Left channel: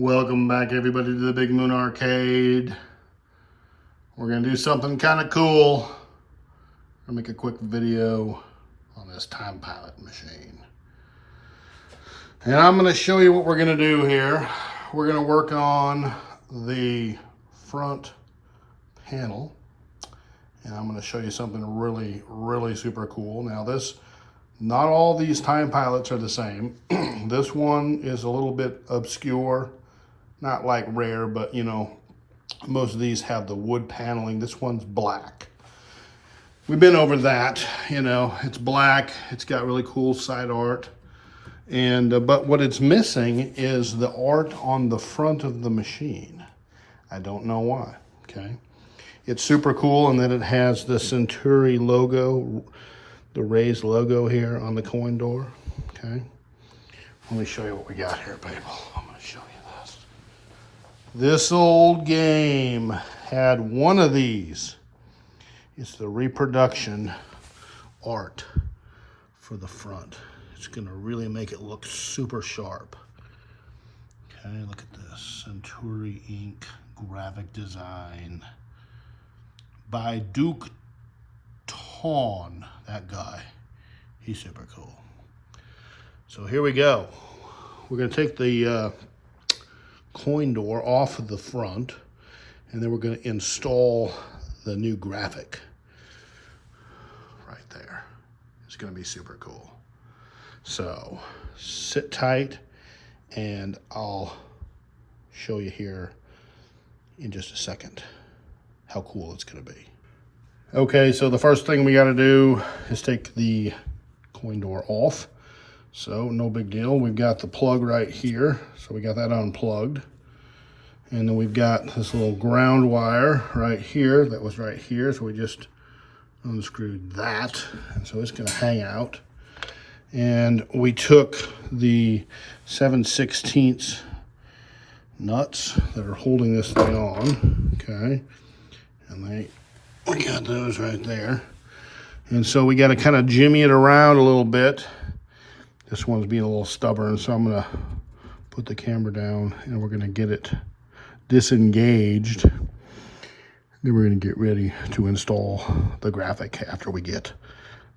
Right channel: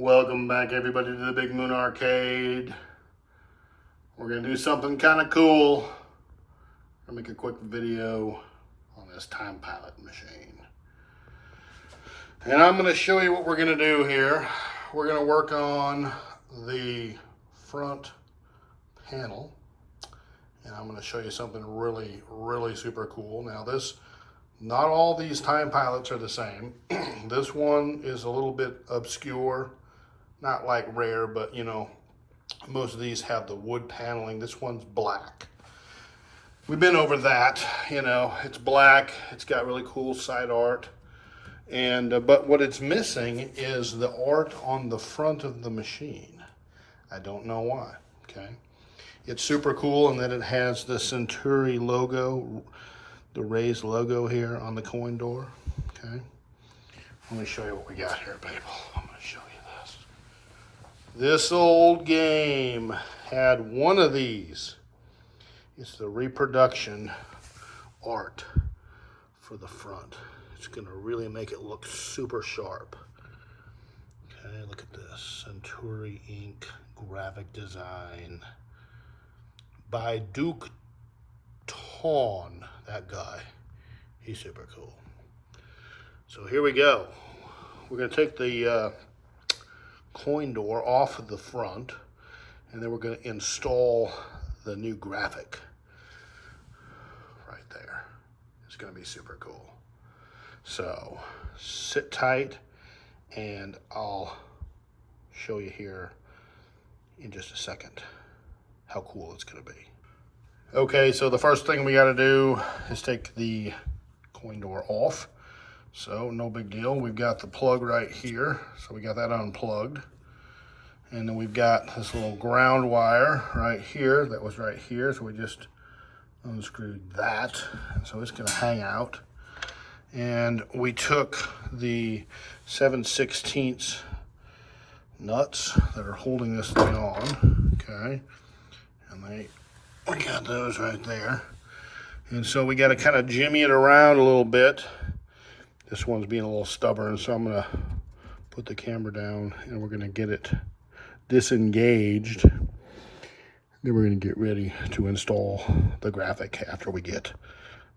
Welcome back everybody to the Big Moon Arcade. We're gonna do something kind of cool. I'll make a quick video on this Time Pilot machine. And I'm gonna show you what we're gonna do here. We're gonna work on the front panel. And I'm gonna show you something really super cool. Now not all these Time Pilots are the same. This one is a little bit obscure. Not like rare, but you know, most of these have the wood paneling. This one's black. We've been over that, you know, it's black. It's got really cool side art. And but what it's missing is the art on the front of the machine. I don't know why, okay? It's super cool, and then it has the Centuri logo, the raised logo here on the coin door, okay? Let me show you what we got here, people. I'm gonna show you this. This old game had one of these. It's the reproduction art for the front. It's gonna really make it look super sharp. Okay, look at this. Centuri Ink graphic design by Duke Tawn, that guy. He's super cool. So here we go. We're gonna take the coin door off of the front, and then we're gonna install the new graphic right there. It's gonna be super cool. So sit tight, and I'll show you here in just a second how cool it's gonna be. Okay, so the first thing we gotta do is take the coin door off. So no big deal. We've got the plug right here. So we got that unplugged. And then we've got this little ground wire right here that was right here. So we just unscrewed that. And so it's gonna hang out. And we took the 7/16 nuts that are holding this thing on, okay? And we got those right there. And so we gotta kind of jimmy it around a little bit. This one's being a little stubborn, so I'm gonna put the camera down and we're gonna get it disengaged. Then we're gonna get ready to install the graphic after we get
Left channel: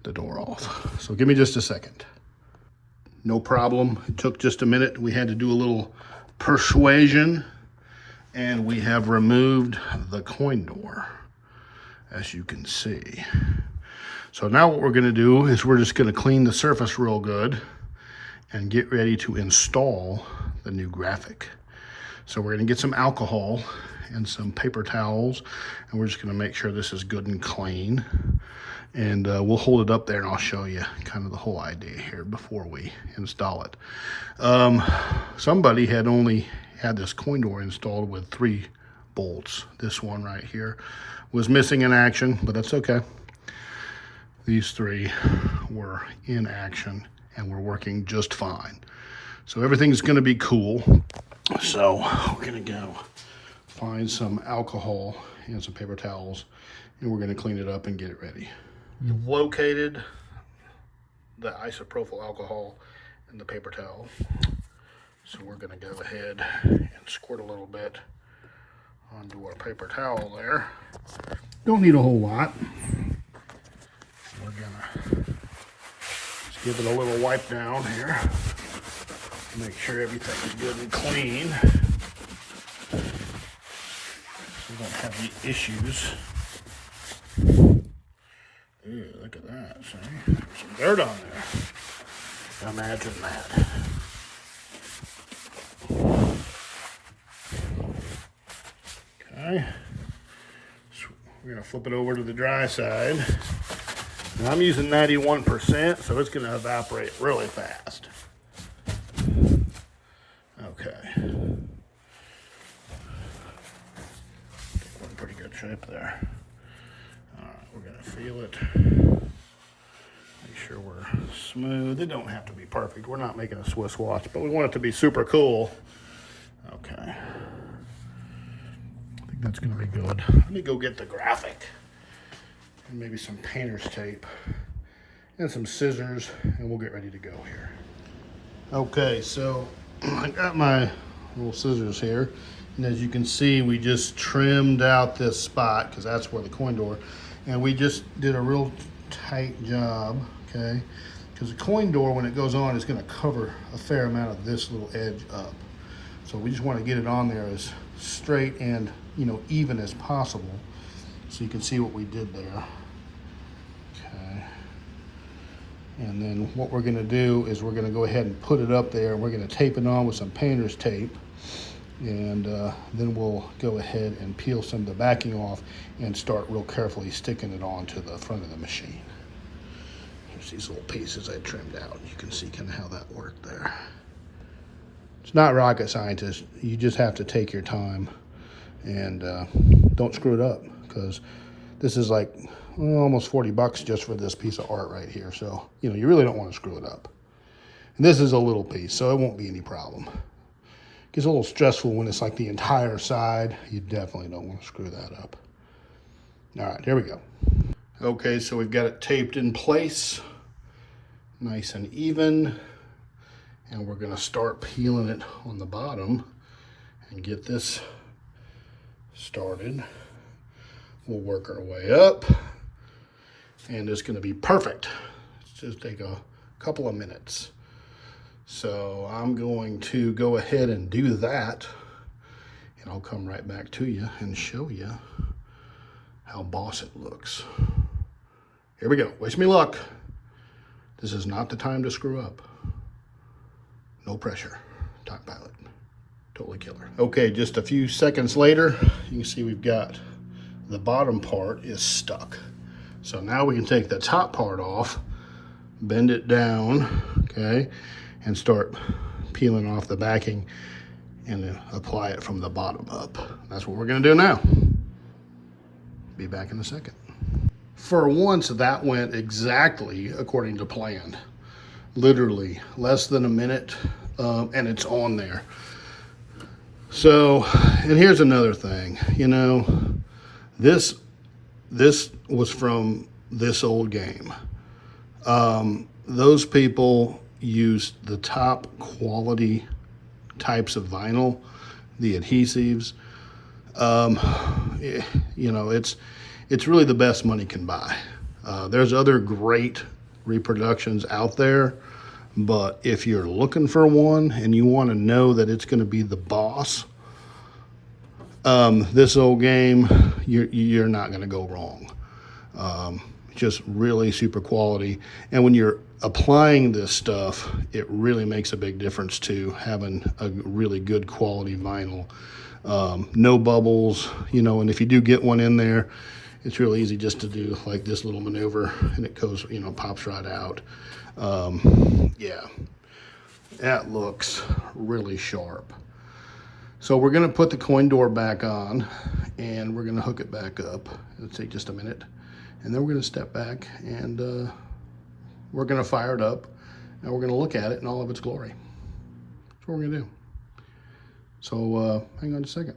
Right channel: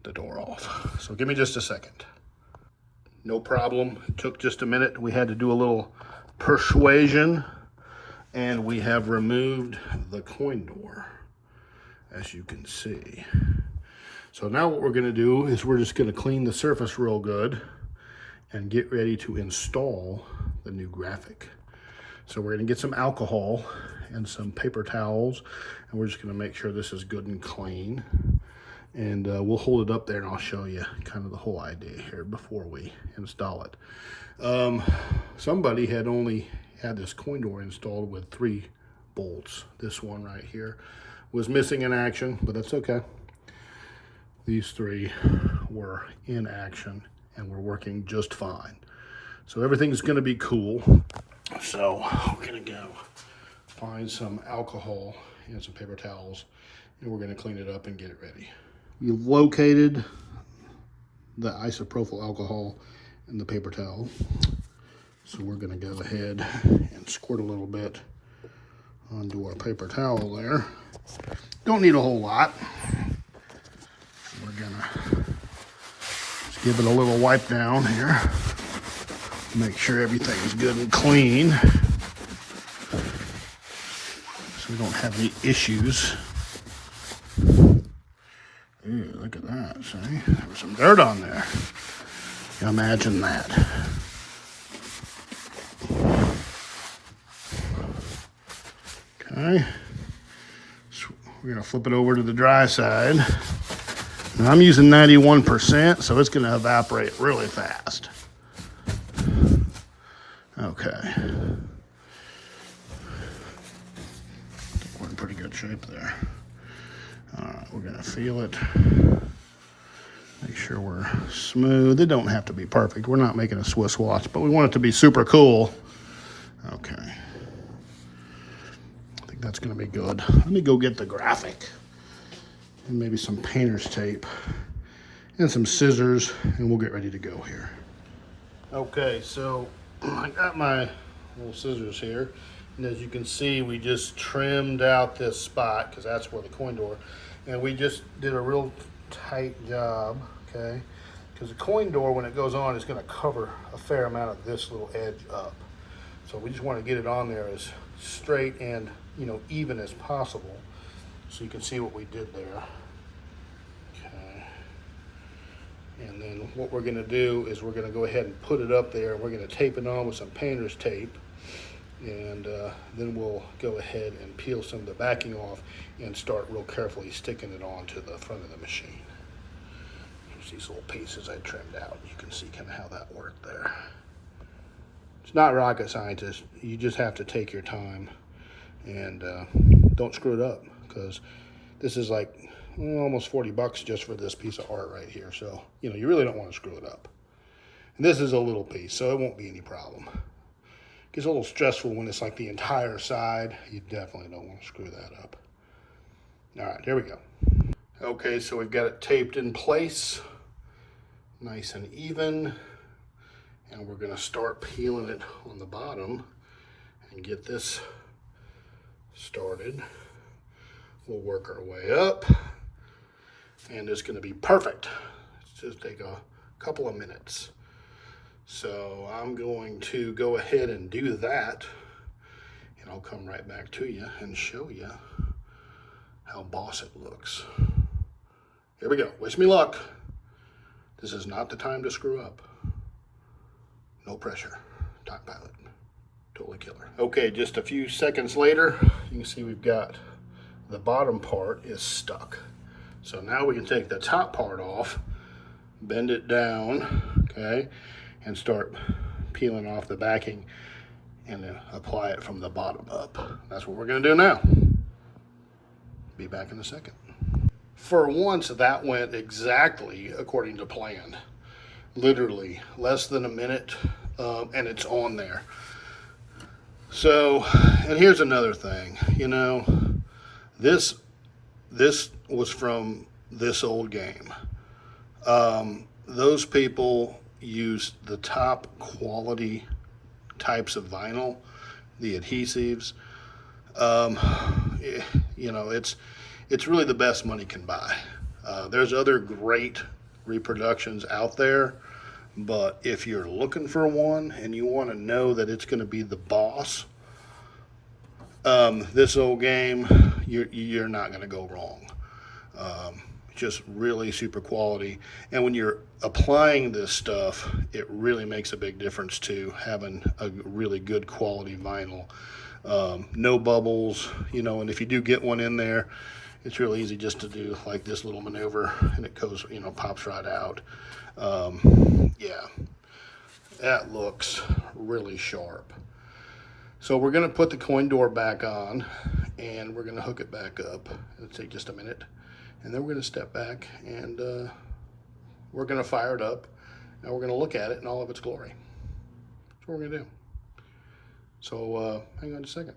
the door off. So give me just a second. No problem, it took just a minute. We had to do a little persuasion, and we have removed the coin door, as you can see. So now what we're gonna do is we're just gonna clean the surface real good and get ready to install the new graphic. So we're gonna get some alcohol and some paper towels, and we're just gonna make sure this is good and clean. And we'll hold it up there and I'll show you kind of the whole idea here before we install it. Somebody had only had this coin door installed with 3 bolts. This one right here was missing in action, but that's okay. These 3 were in action and we're working just fine. So everything's gonna be cool. So we're gonna go find some alcohol and some paper towels, and we're gonna clean it up and get it ready. We've located the isopropyl alcohol and the paper towel. So we're gonna go ahead and squirt a little bit onto our paper towel there. Don't need a whole lot. We're gonna just give it a little wipe down here. Make sure everything's good and clean, so we don't have any issues. Ooh, look at that, see? There's some dirt on there. Imagine that. Okay, so we're gonna flip it over to the dry side. Now I'm using 91%, so it's gonna evaporate really fast. Okay. We're in pretty good shape there. We're gonna feel it. Make sure we're smooth. It don't have to be perfect. We're not making a Swiss watch, but we want it to be super cool. Okay. I think that's gonna be good. Let me go get the graphic and maybe some painter's tape and some scissors, and we'll get ready to go here. Okay, so I got my little scissors here. And as you can see, we just trimmed out this spot because that's where the coin door, and we just did a real tight job, okay? Because the coin door, when it goes on, is gonna cover a fair amount of this little edge up. So we just wanna get it on there as straight and, you know, even as possible. So you can see what we did there. Okay. And then what we're gonna do is we're gonna go ahead and put it up there, and we're gonna tape it on with some painter's tape. And then we'll go ahead and peel some of the backing off and start real carefully sticking it onto the front of the machine. Here's these little pieces I trimmed out. You can see kind of how that worked there. It's not rocket scientist. You just have to take your time and don't screw it up, because this is like almost 40 bucks just for this piece of art right here. So, you know, you really don't want to screw it up. And this is a little piece, so it won't be any problem. Gets a little stressful when it's like the entire side. You definitely don't want to screw that up. All right, here we go. Okay, so we've got it taped in place, nice and even. And we're gonna start peeling it on the bottom and get this started. We'll work our way up, and it's gonna be perfect. It's just take a couple of minutes. So I'm going to go ahead and do that, and I'll come right back to you and show you how boss it looks. Here we go. Wish me luck. This is not the time to screw up. No pressure. Time Pilot. Totally killer. Okay, just a few seconds later, you can see we've got the bottom part is stuck. So now we can take the top part off, bend it down, okay, and start peeling off the backing and then apply it from the bottom up. That's what we're gonna do now. Be back in a second. For once, that went exactly according to plan. Literally less than a minute, and it's on there. So, and here's another thing, you know, this was from this old game. Those people used the top quality types of vinyl, the adhesives. You know, it's really the best money can buy. There's other great reproductions out there, but if you're looking for one and you want to know that it's going to be the boss, this old game, you're not going to go wrong. Just really super quality. And when you're applying this stuff, it really makes a big difference to having a really good quality vinyl. No bubbles, you know, and if you do get one in there, it's real easy just to do like this little maneuver and it goes, you know, pops right out. Yeah, that looks really sharp. So we're gonna put the coin door back on and we're gonna hook it back up. It'll take just a minute. And then we're gonna step back and we're gonna fire it up and we're gonna look at it in all of its glory. That's what we're gonna do. So hang on a second.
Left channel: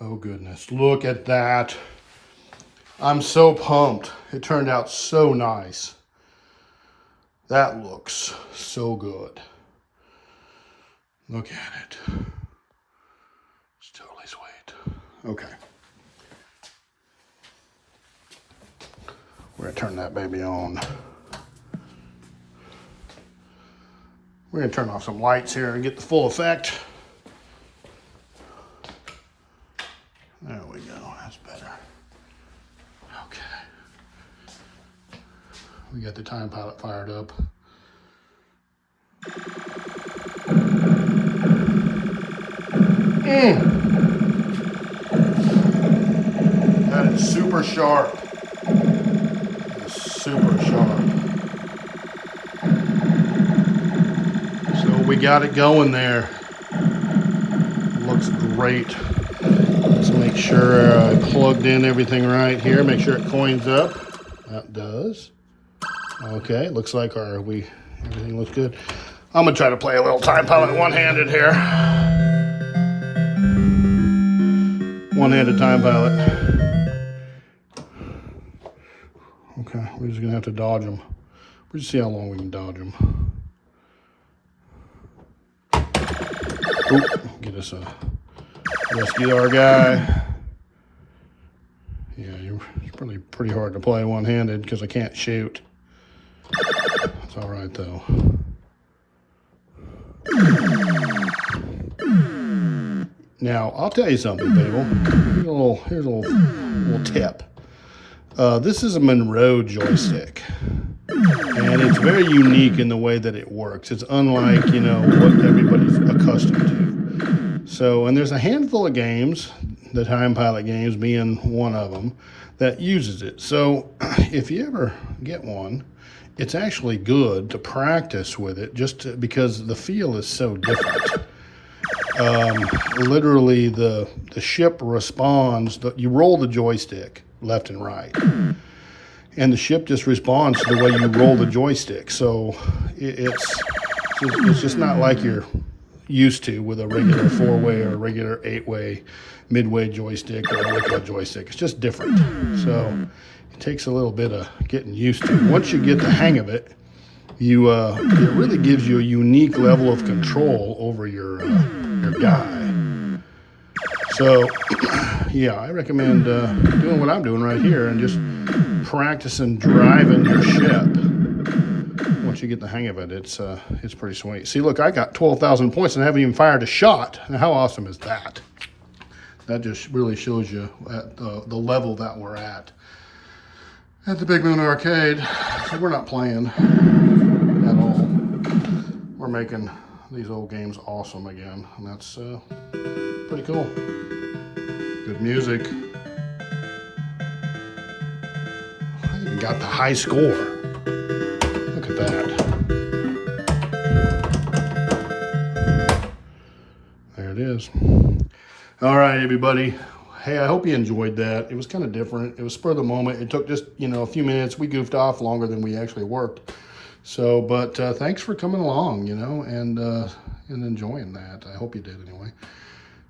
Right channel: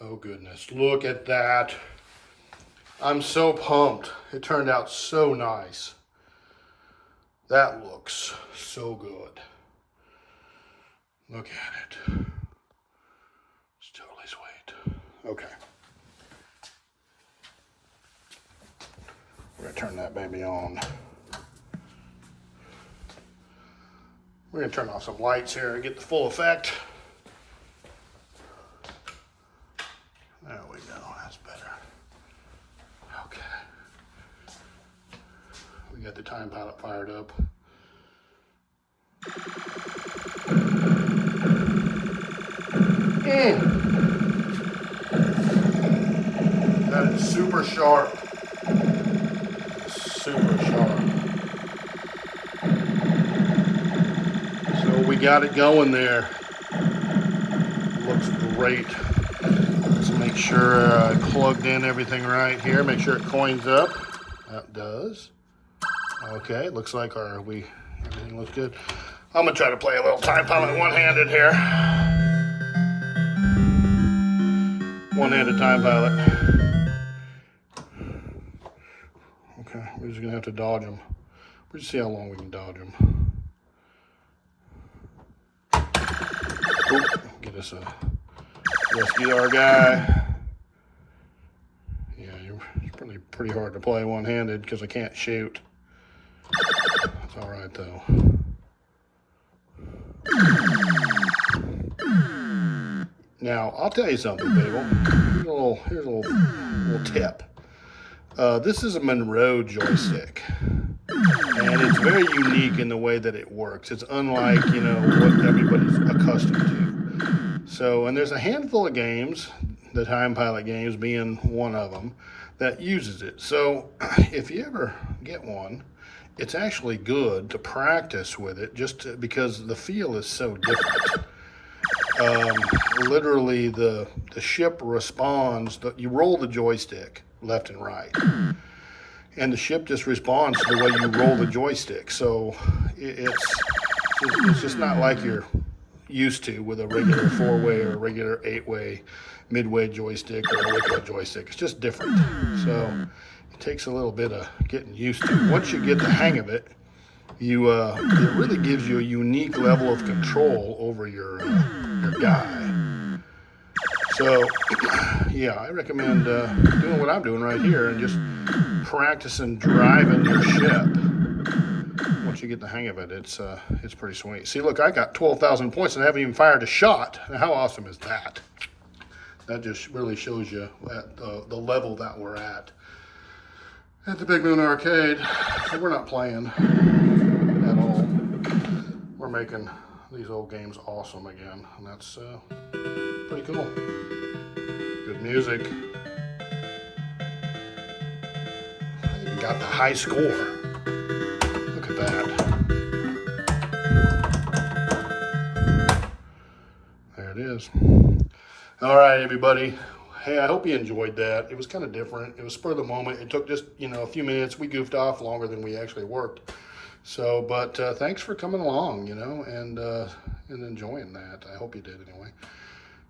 Oh goodness, look at that. I'm so pumped. It turned out so nice. That looks so good. Look at it. It's totally sweet. Okay. We're gonna turn that baby on. We're gonna turn off some lights here and get the full effect. There we go, that's better. Okay. We got the Time Pilot fired up. That is super sharp. That is super sharp. So we got it going there. Looks great. Let's make sure I plugged in everything right here. Make sure it coins up. That does. Okay, looks like everything looks good. I'm gonna try to play a little Time Pilot one-handed here. One-handed Time Pilot. Okay, we're just gonna have to dodge them. We'll just see how long we can dodge them. Get us a SDR guy. Yeah, it's probably pretty hard to play one-handed because I can't shoot. It's all right though. Now, I'll tell you something, people. Here's a little tip. This is a Monroe joystick, and it's very unique in the way that it works. It's unlike, you know, what everybody's accustomed to. So, and there's a handful of games, the Time Pilot games being one of them, that uses it. So, if you ever get one, it's actually good to practice with it because the feel is so different. Literally the ship responds, you roll the joystick left and right, and the ship just responds to the way you roll the joystick. So it's just not like you're used to with a regular 4-way or a regular 8-way midway joystick or a liquid joystick. It's just different. So it takes a little bit of getting used to. Once you get the hang of it, it really gives you a unique level of control over your guy. So, yeah, I recommend doing what I'm doing right here and just practicing driving your ship. Once you get the hang of it, it's pretty sweet. See, look, I got 12,000 points and I haven't even fired a shot. Now, how awesome is that? That just really shows you at the level that we're at the Big Moon Arcade. So we're not playing at all. We're making these old games awesome again, and that's pretty cool. Good music. I even got the high score. Look at that. There it is. All right, everybody. Hey, I hope you enjoyed that. It was kind of different. It was spur of the moment. It took just, you know, a few minutes. We goofed off longer than we actually worked. So, but thanks for coming along, you know, and enjoying that. I hope you did anyway.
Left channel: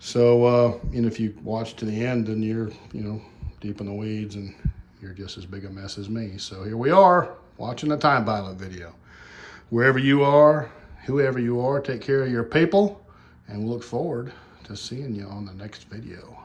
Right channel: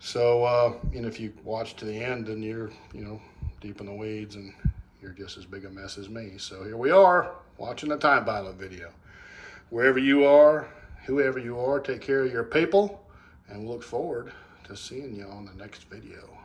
So, and if you watch to the end, then you're, you know, deep in the weeds and you're just as big a mess as me. So here we are, watching the Time Pilot video. Wherever you are, whoever you are, take care of your people, and look forward to seeing you on the next video.